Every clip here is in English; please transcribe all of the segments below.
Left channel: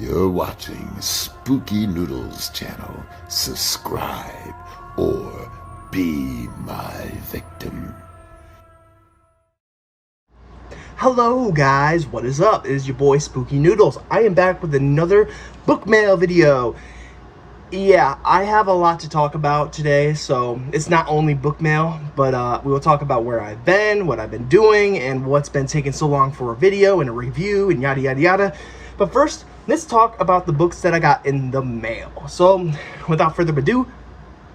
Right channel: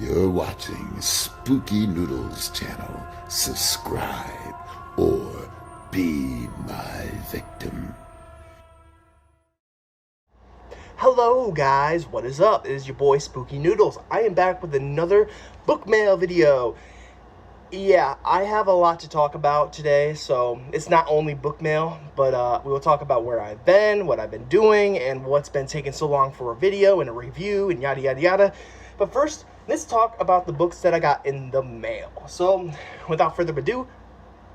You're watching Spooky Noodles channel. Subscribe or be my victim. Hello guys, what is up? It is your boy Spooky Noodles. I am back with another book mail video. Yeah, I have a lot to talk about today, so it's not only book mail, but we will talk about where I've been, what I've been doing, and what's been taking so long for a video and a review and yada yada yada. But first, let's talk about the books that I got in the mail. So, without further ado,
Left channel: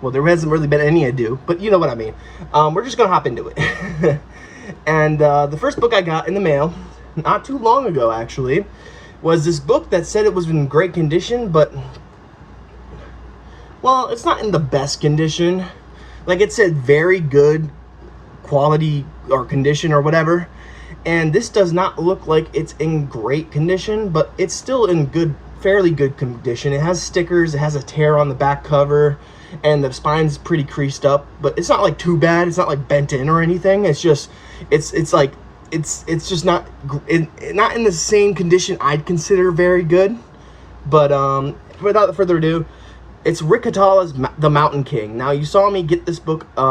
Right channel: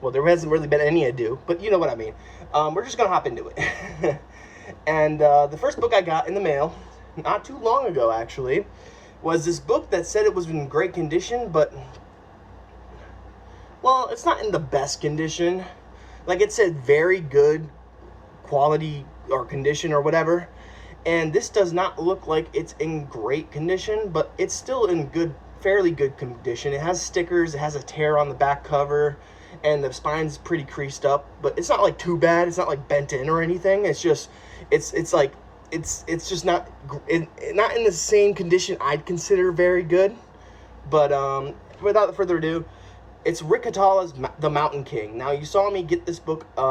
well, there hasn't really been any ado, but you know what I mean. We're just gonna hop into it. And the first book I got in the mail, not too long ago actually, was this book that said it was in great condition, but well, it's not in the best condition. Like, it said very good quality or condition or whatever. And this does not look like it's in great condition, but it's still in good, fairly good condition. It has stickers, it has a tear on the back cover, and the spine's pretty creased up, but it's not like too bad. It's not like bent in or anything. It's just, it's just not in the same condition I'd consider very good. But without further ado, it's Rick Catala's The Mountain King. Now, you saw me get this book, the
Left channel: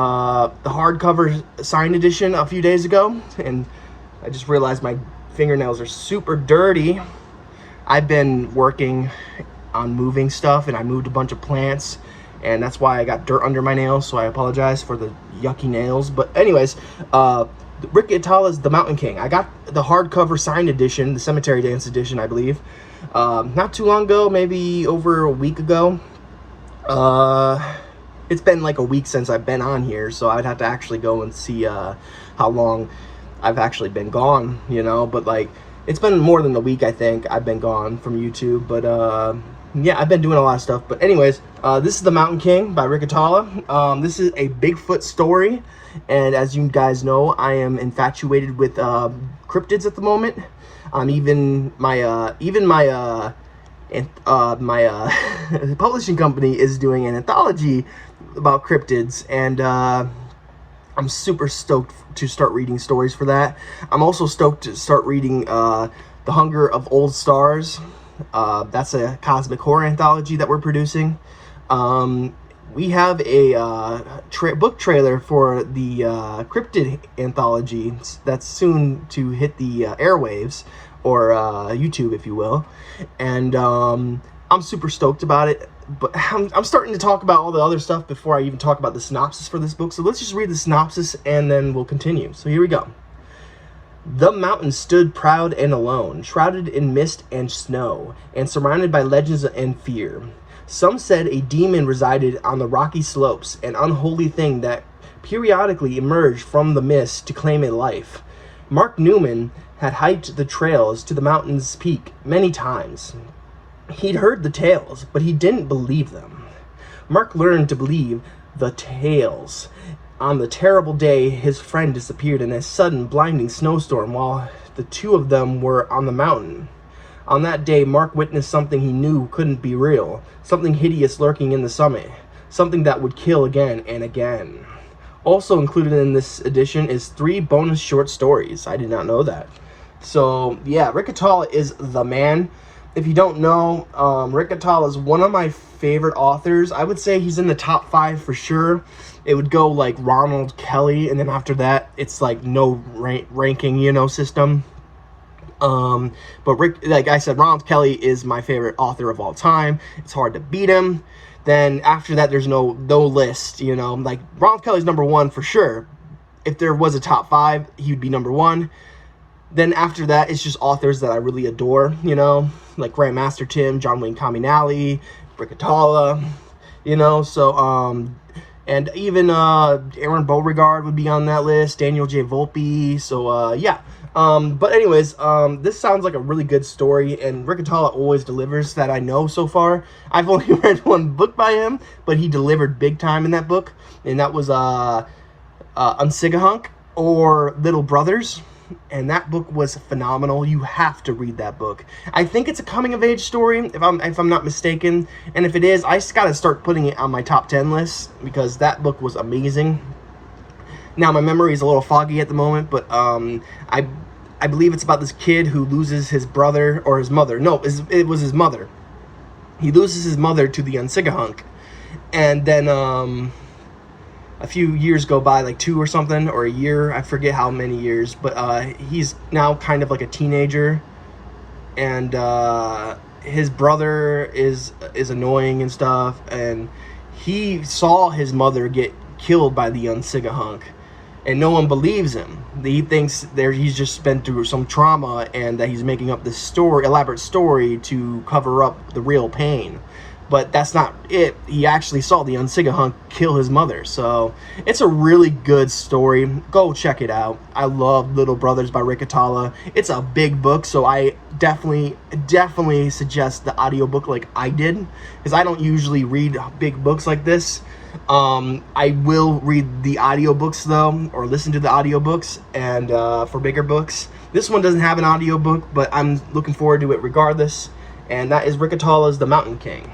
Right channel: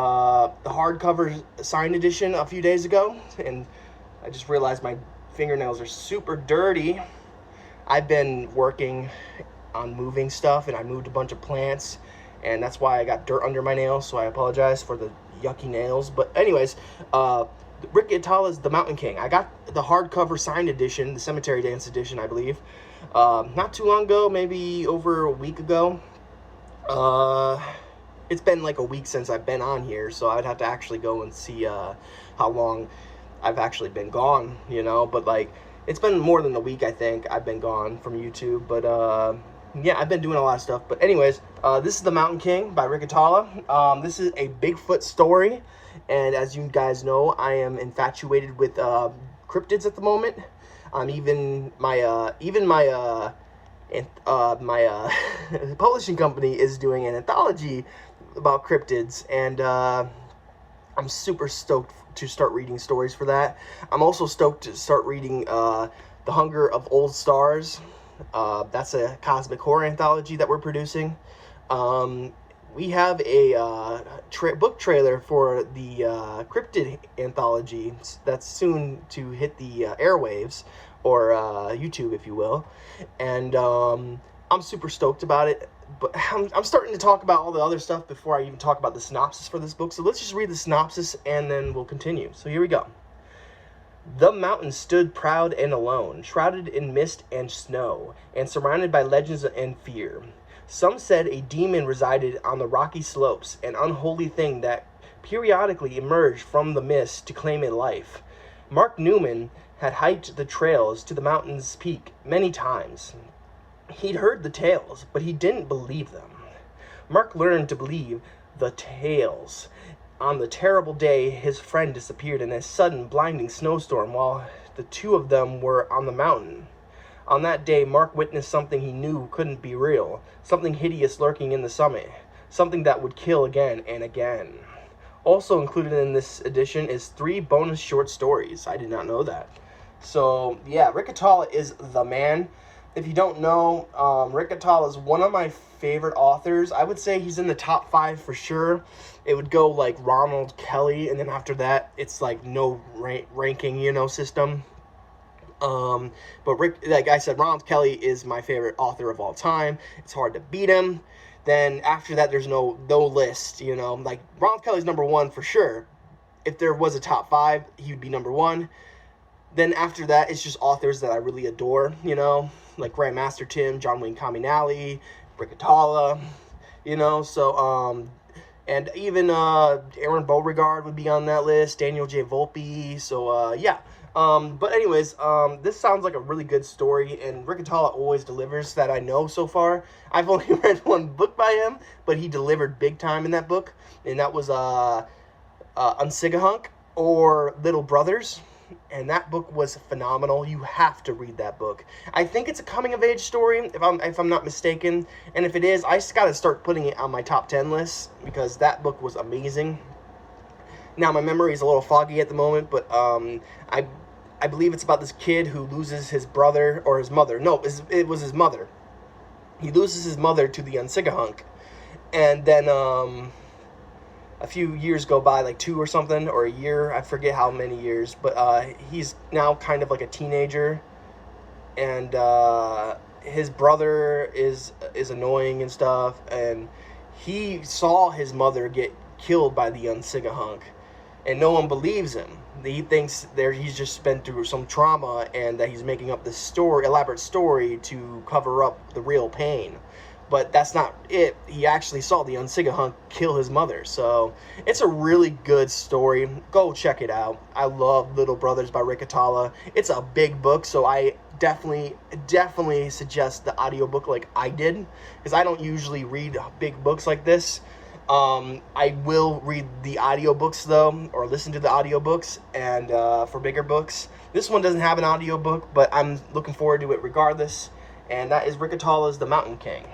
hardcover signed edition, a few days ago, and I just realized my fingernails are super dirty. I've been working on moving stuff, and I moved a bunch of plants, and that's why I got dirt under my nails, so I apologize for the yucky nails. But anyways, Rick Catala's The Mountain King. I got the hardcover signed edition, the Cemetery Dance edition, I believe, not too long ago, maybe over a week ago. It's been like a week since I've been on here, so I'd have to actually go and see how long I've actually been gone, you know. But like, it's been more than a week, I think I've been gone from YouTube. But yeah, I've been doing a lot of stuff. But anyways, this is The Mountain King by Rick Catala. This is a Bigfoot story, and as you guys know, I am infatuated with cryptids at the moment. Even my publishing company is doing an anthology about cryptids, and I'm super stoked to start reading stories for that. I'm also stoked to start reading The Hunger of Old Stars. That's a cosmic horror anthology that we're producing. We have a book trailer for the cryptid anthology that's soon to hit the airwaves, or YouTube, if you will. And I'm super stoked about it, but I'm starting to talk about all the other stuff before I even talk about the synopsis for this book. So let's just read the synopsis and then we'll continue. So here we go. The mountain stood proud and alone, shrouded in mist and snow, and surrounded by legends and fear. Some said a demon resided on the rocky slopes, an unholy thing that periodically emerged from the mist to claim a life. Mark Newman had hiked the trails to the mountain's peak many times. He'd heard the tales, but he didn't believe them. Mark learned to believe the tales on the terrible day his friend disappeared in a sudden blinding snowstorm while the two of them were on the mountain. On that day, Mark witnessed something he knew couldn't be real, something hideous lurking in the summit, something that would kill again and again. Also included in this edition is 3 bonus short stories. I did not know that. So yeah, Rick Catala is the man. If you don't know, Rick Catala is one of my favorite authors. I would say he's in the top 5 for sure. It would go like Ronald Kelly, and then after that, it's like no ranking, you know, system. But Rick, like I said, Ronald Kelly is my favorite author of all time. It's hard to beat him. Then after that, there's no list, you know. Like, Ronald Kelly's number 1 for sure. If there was a top 5, he would be number 1. Then after that, it's just authors that I really adore, you know, like Grandmaster Tim, John Wayne Caminelli, Rick Catala, you know. So and even Aaron Beauregard would be on that list, Daniel J. Volpe. So yeah. But anyways, this sounds like a really good story, and Rick Catala always delivers that I know so far. I've only read 1 book by him, but he delivered big time in that book, and that was Unsigahunk, or Little Brothers, and that book was phenomenal. You have to read that book. I think it's a coming-of-age story, if I'm not mistaken, and if it is, I just gotta start putting it on my top 10 list, because that book was amazing. Now, my memory is a little foggy at the moment, but I believe it's about this kid who loses his brother or his mother. No, it was his mother. He loses his mother to the Unsigahunk. And then a few years go by, like 2 or something, or a year. I forget how many years. But he's now kind of like a teenager. And his brother is annoying and stuff. And he saw his mother get killed by the Unsigahunk. And no one believes him. He thinks he's just been through some trauma and that he's making up this elaborate story to cover up the real pain. But that's not it. He actually saw the Unsigahunk kill his mother. So it's a really good story. Go check it out. I love Little Brothers by Rick Atala. It's a big book, so I definitely suggest the audiobook like I did, because I don't usually read big books like this. I will read the audiobooks though, or listen to the audiobooks, and for bigger books. This one doesn't have an audiobook, but I'm looking forward to it regardless, and that is Rick Atala's The Mountain King.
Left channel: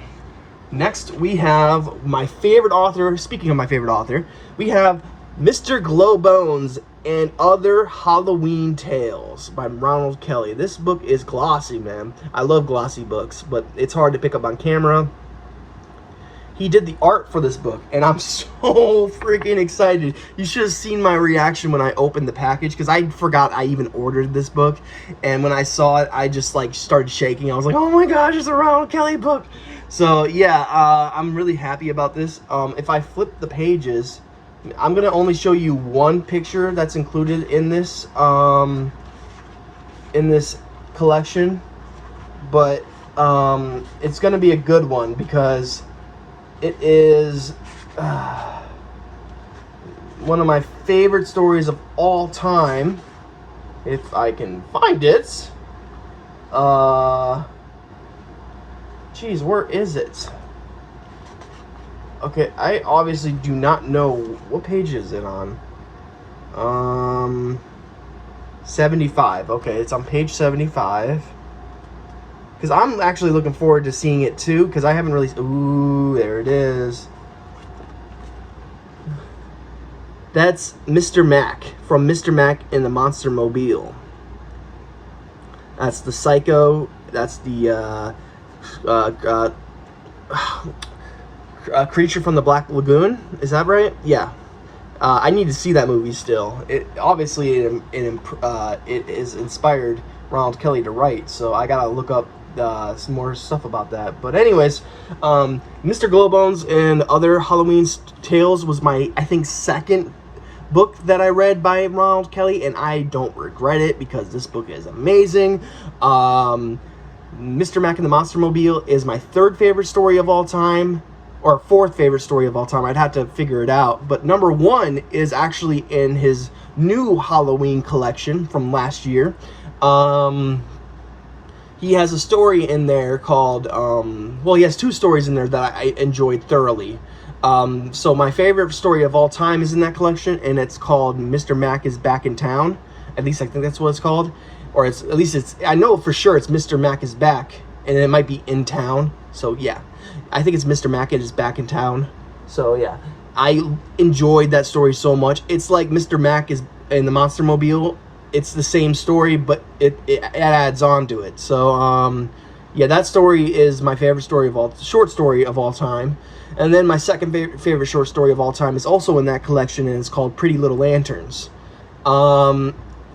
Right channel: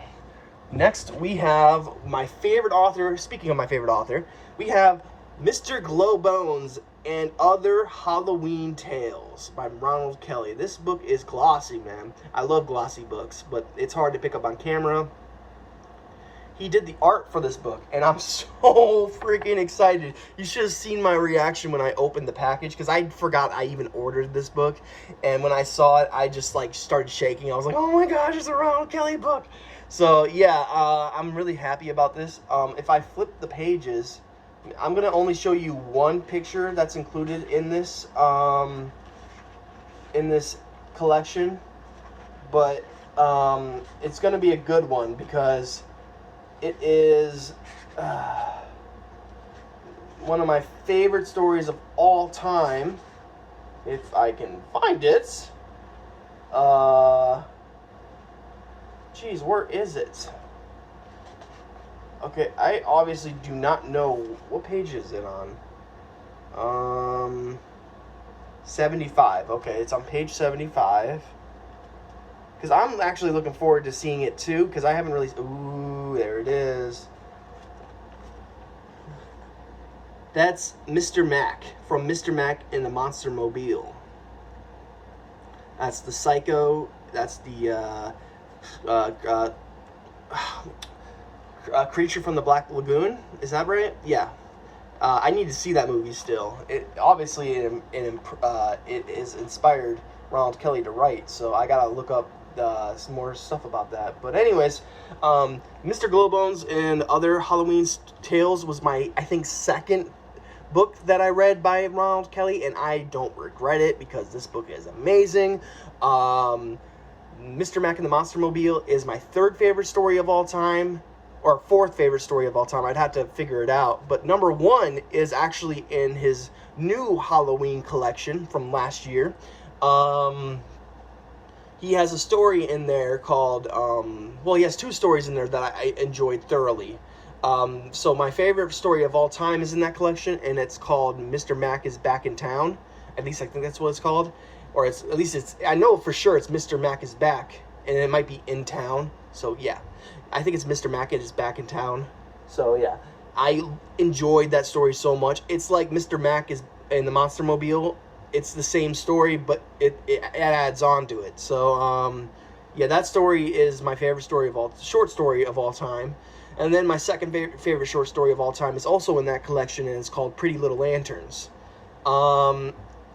Next, we have my favorite author. Speaking of my favorite author, we have Mr. Glowbones and Other Halloween Tales by Ronald Kelly. This book is glossy, man. I love glossy books, but it's hard to pick up on camera. He did the art for this book, and I'm so freaking excited. You should have seen my reaction when I opened the package, because I forgot I even ordered this book. And when I saw it, I just like started shaking. I was like, oh my gosh, it's a Ronald Kelly book. So yeah, I'm really happy about this. If I flip the pages, I'm gonna only show you one picture that's included in this collection, but it's gonna be a good one because it is one of my favorite stories of all time, if I can find it. Geez, where is it? Okay, I obviously do not know. What page is it on? 75. Okay, it's on page 75. Because I'm actually looking forward to seeing it too, because I haven't really... Ooh, there it is. That's Mr. Mac, from Mr. Mac and the Monster Mobile. That's the Psycho, that's the Creature from the Black Lagoon. Is that right? Yeah. I need to see that movie still. Obviously it is inspired Ronald Kelly to write, so I gotta look up some more stuff about that. But anyways, Mr. Glowbones and Other Halloween Tales was my, I think, second book that I read by Ronald Kelly, and I don't regret it because this book is amazing. Mr. Mac and the Monster Mobile is my third favorite story of all time, or fourth favorite story of all time. I'd have to figure it out. But number one is actually in his new Halloween collection from last year. He has a story in there called, well, he has two stories in there that I enjoyed thoroughly. So my favorite story of all time is in that collection, and it's called Mr. Mac is Back in Town. At least I think that's what it's called. Or at least it's, I know for sure it's Mr. Mac is Back, and it might be in town. So yeah, I think it's Mr. Mac is Back in Town. So yeah, I enjoyed that story so much. It's like Mr. Mac is in the Monster Mobile. It's the same story, but it adds on to it. So yeah, that story is my favorite story of all, short story of all time. And then my second favorite short story of all time is also in that collection, and it's called Pretty Little Lanterns.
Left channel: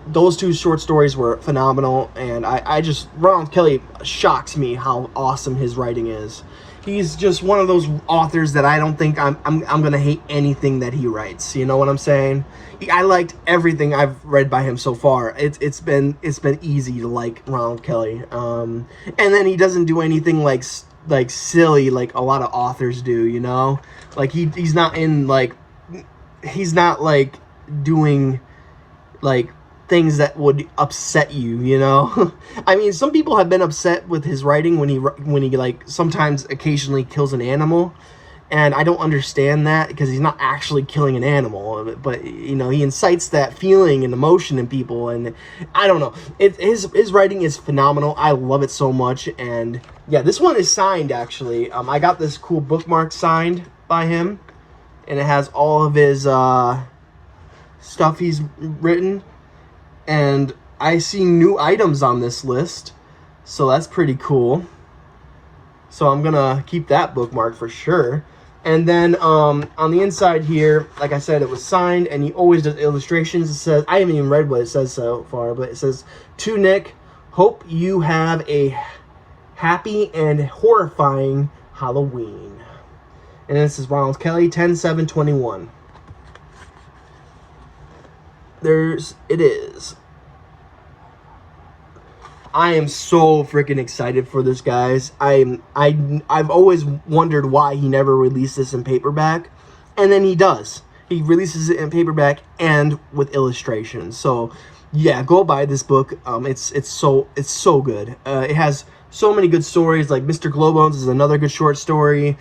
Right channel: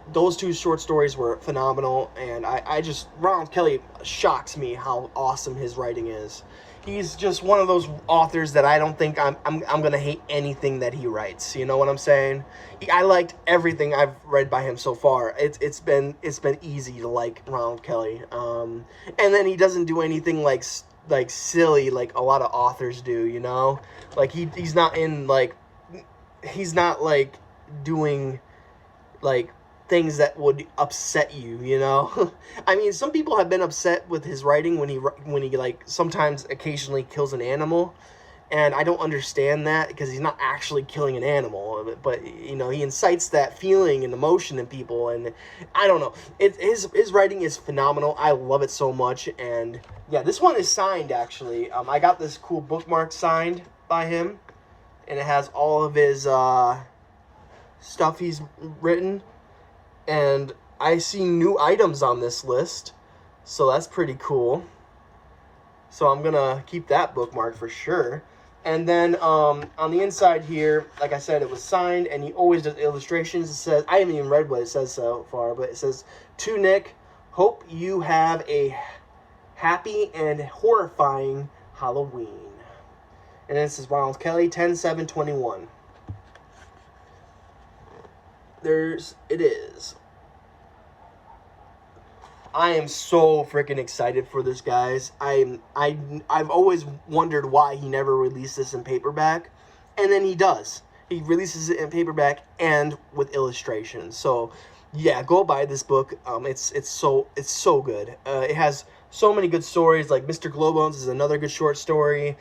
Those two short stories were phenomenal, and I just, Ronald Kelly shocks me how awesome his writing is. He's just one of those authors that I don't think I'm gonna hate anything that he writes. You know what I'm saying? I liked everything I've read by him so far. It's been easy to like Ronald Kelly. And then he doesn't do anything like silly like a lot of authors do. You know, like he's not like doing like things that would upset you, you know. I mean, some people have been upset with his writing when he like sometimes occasionally kills an animal, and I don't understand that because he's not actually killing an animal, but you know, he incites that feeling and emotion in people, and I don't know. His writing is phenomenal. I love it so much. And yeah, this one is signed actually. I got this cool bookmark signed by him, and it has all of his stuff he's written. And I see new items on this list, so that's pretty cool. So I'm gonna keep that bookmark for sure. And then on the inside here, like I said, it was signed, and he always does illustrations. It says, I haven't even read what it says so far, but it says, "To Nick, hope you have a happy and horrifying Halloween." And this is Ronald Kelly, 10/7/21. It is. I am so freaking excited for this, guys. I've always wondered why he never released this in paperback, and then he does. He releases it in paperback and with illustrations. So, yeah, go buy this book. It's so good. It has so many good stories. Like Mr. Glowbones is another good short story.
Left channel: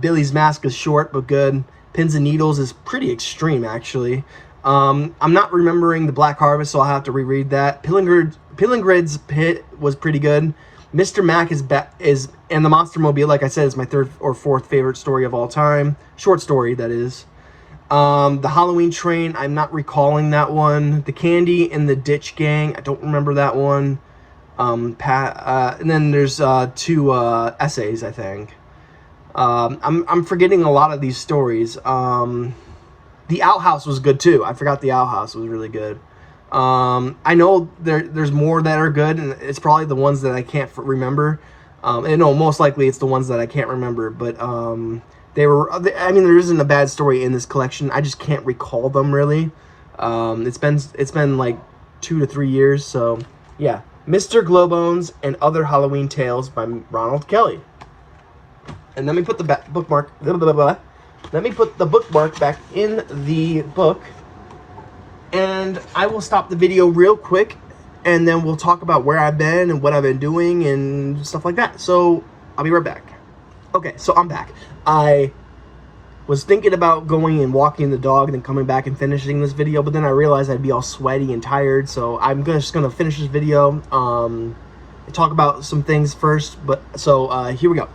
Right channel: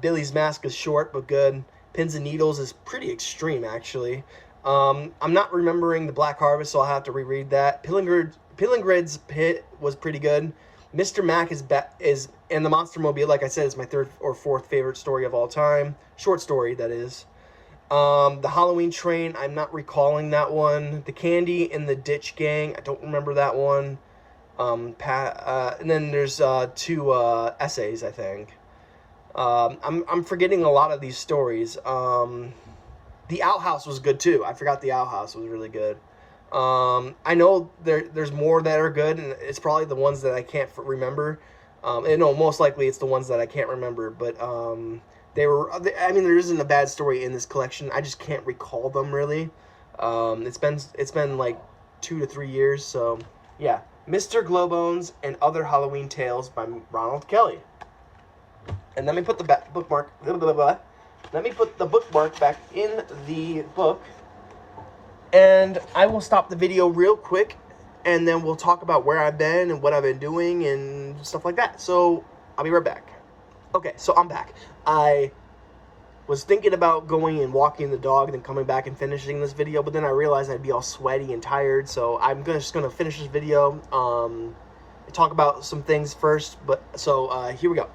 Billy's Mask is short but good. Pins and Needles is pretty extreme, actually. I'm not remembering the Black Harvest, so I'll have to reread that. Pillingrid's Pit was pretty good. Mr. Mac and the Monster Mobile, like I said, is my third or fourth favorite story of all time. Short story, that is. The Halloween Train, I'm not recalling that one. The Candy and the Ditch Gang, I don't remember that one. And then there's two essays, I think. I'm forgetting a lot of these stories. The Outhouse was good too. I forgot the Outhouse was really good. I know there's more that are good, and it's probably the ones that I can't remember. And no, most likely it's the ones that I can't remember. But I mean, there isn't a bad story in this collection. I just can't recall them really. It's been like 2 to 3 years. So yeah, Mr. Glowbones and Other Halloween Tales by Ronald Kelly. And let me put the bookmark. Let me put the bookmark back in the book. And I will stop the video real quick, and then we'll talk about where I've been and what I've been doing and stuff like that. So I'll be right back. Okay, so I'm back. I was thinking about going and walking the dog and then coming back and finishing this video, but then I realized I'd be all sweaty and tired, so I'm just gonna finish this video. Talk about some things first, but so here we go.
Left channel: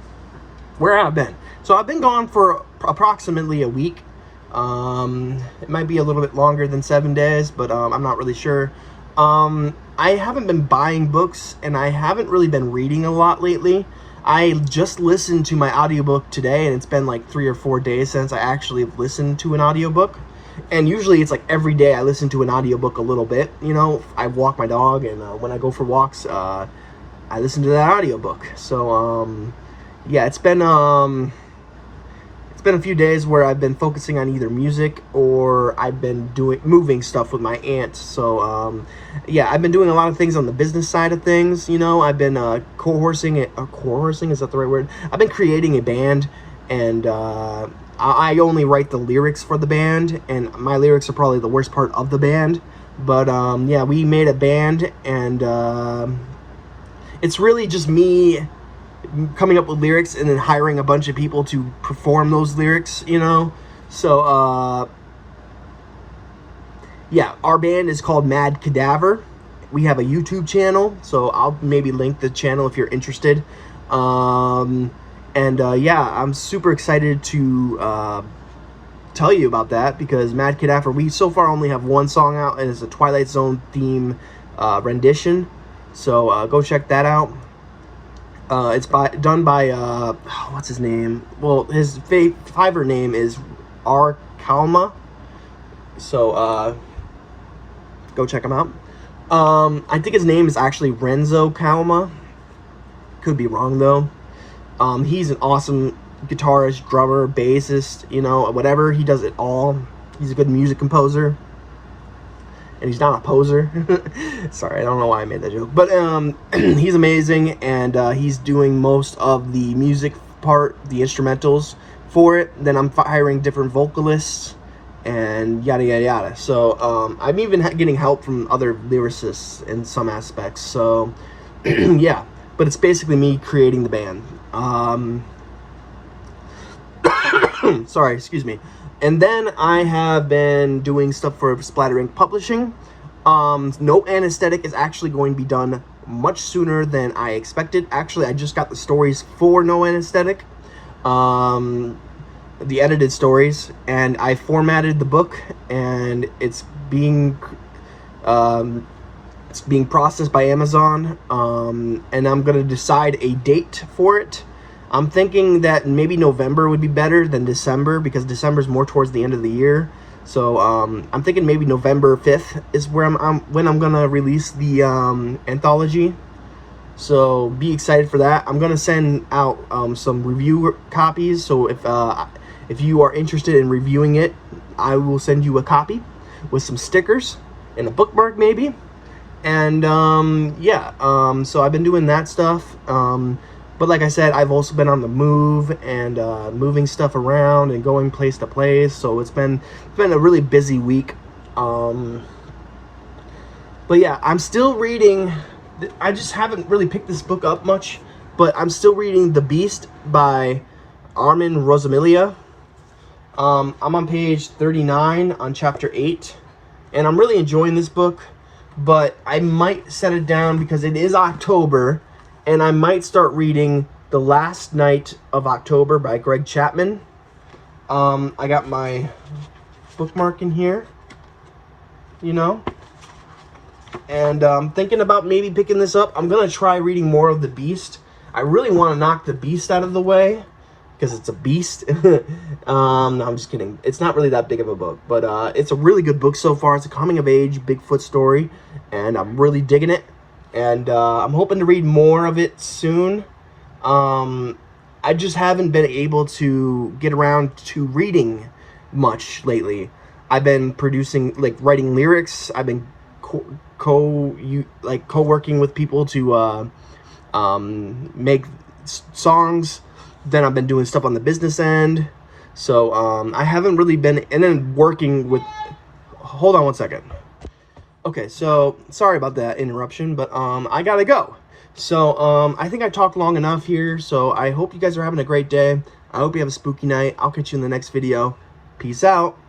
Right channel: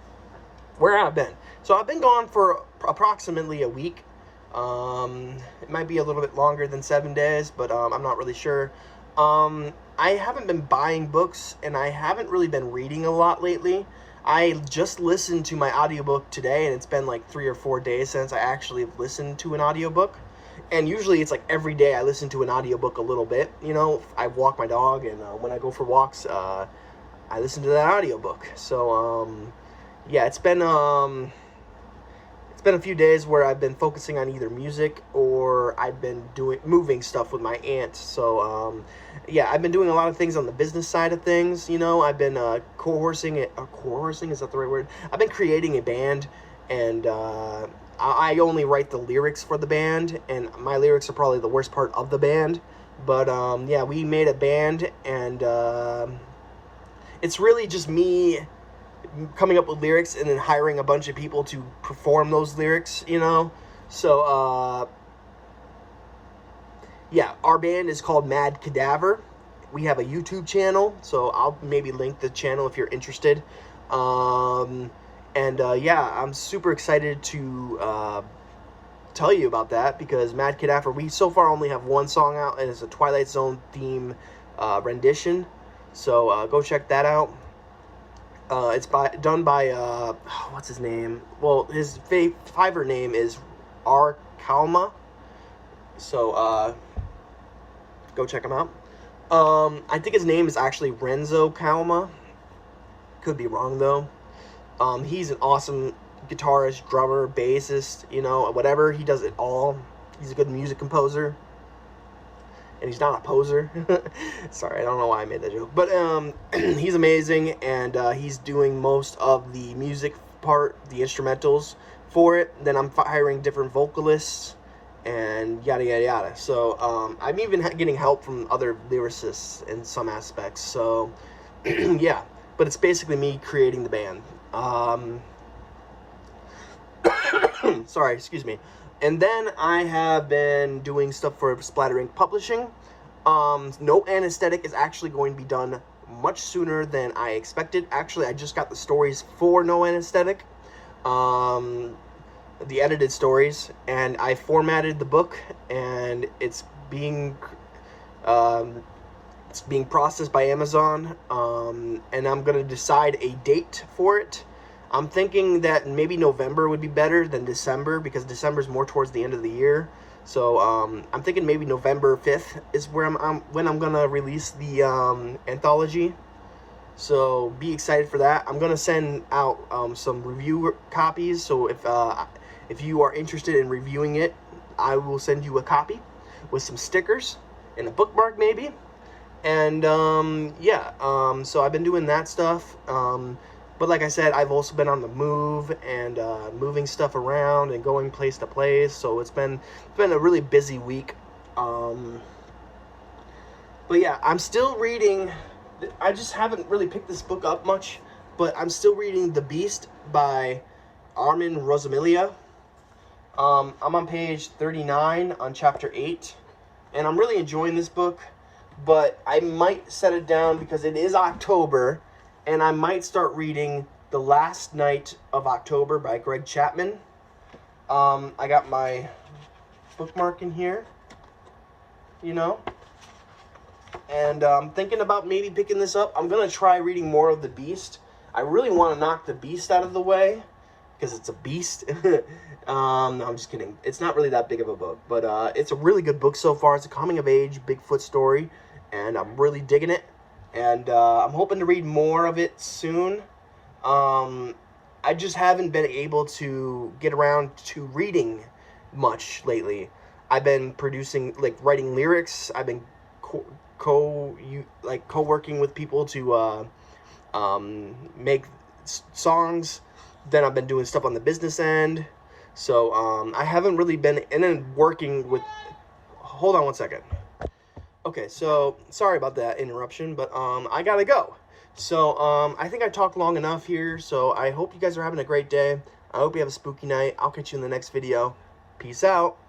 Where I've been. So I've been gone for approximately a week. It might be a little bit longer than 7 days, but I'm not really sure. I haven't been buying books, and I haven't really been reading a lot lately. I just listened to my audiobook today, and it's been like 3 or 4 days since I actually listened to an audiobook. And usually it's like every day I listen to an audiobook a little bit. You know, I walk my dog, and when I go for walks, I listen to that audiobook. So yeah, it's been a few days where I've been focusing on either music or I've been moving stuff with my aunt. So yeah, I've been doing a lot of things on the business side of things. You know, I've been co-horsing, is that the right word? I've been creating a band, and I only write the lyrics for the band, and my lyrics are probably the worst part of the band. But yeah, we made a band, and it's really just me coming up with lyrics and then hiring a bunch of people to perform those lyrics, you know. So yeah, our band is called Mad Cadaver. We have a YouTube channel, so I'll maybe link the channel if you're interested. And yeah, I'm super excited to tell you about that, because Mad Cadaver, we so far only have one song out, and it's a Twilight Zone theme rendition. So go check that out. It's done by what's his name? Well, his Fiverr name is R. Kalma. So go check him out. I think his name is actually Renzo Kalma. Could be wrong though. He's an awesome guitarist, drummer, bassist, you know, whatever. He does it all. He's a good music composer. And he's not a poser. Sorry, I don't know why I made that joke. But he's amazing, and he's doing most of the music part, the instrumentals for it. Then I'm hiring different vocalists and yada, yada, yada. So I'm even getting help from other lyricists in some aspects. So yeah, but it's basically me creating the band. Sorry, excuse me. And then I have been doing stuff for Splatter Ink Publishing. No Anesthetic is actually going to be done much sooner than I expected. Actually, I just got the stories for No Anesthetic, the edited stories, and I formatted the book, and it's being It's being processed by Amazon, and I'm gonna decide a date for it. I'm thinking that maybe November would be better than December, because December's more towards the end of the year. So I'm thinking maybe November 5th is where when I'm gonna release the anthology. So be excited for that. I'm gonna send out some review copies. So if you are interested in reviewing it, I will send you a copy with some stickers and a bookmark maybe. And yeah, so I've been doing that stuff. But like I said, I've also been on the move and moving stuff around and going place to place. So it's been a really busy week. But yeah, I'm still reading. I just haven't really picked this book up much, but I'm still reading The Beast by Armin Rosamilia. I'm on page 39 on chapter 8, and I'm really enjoying this book, but I might set it down because it is October, and I might start reading The Last Night of October by Greg Chapman. I got my bookmark in here, you know, and I'm thinking about maybe picking this up. I'm going to try reading more of The Beast. I really want to knock The Beast out of the way, because it's a beast. No, I'm just kidding. It's not really that big of a book, but it's a really good book so far. It's a coming-of-age Bigfoot story, and I'm really digging it. And I'm hoping to read more of it soon. I just haven't been able to get around to reading much lately. I've been writing lyrics. I've been co-working with people to make songs. Then I've been doing stuff on the business end. So I haven't really been, and then working with, hold on one second. Okay, so sorry about that interruption, but I gotta go. So I think I talked long enough here. So I hope you guys are having a great day. I hope you have a spooky night. I'll catch you in the next video. Peace out.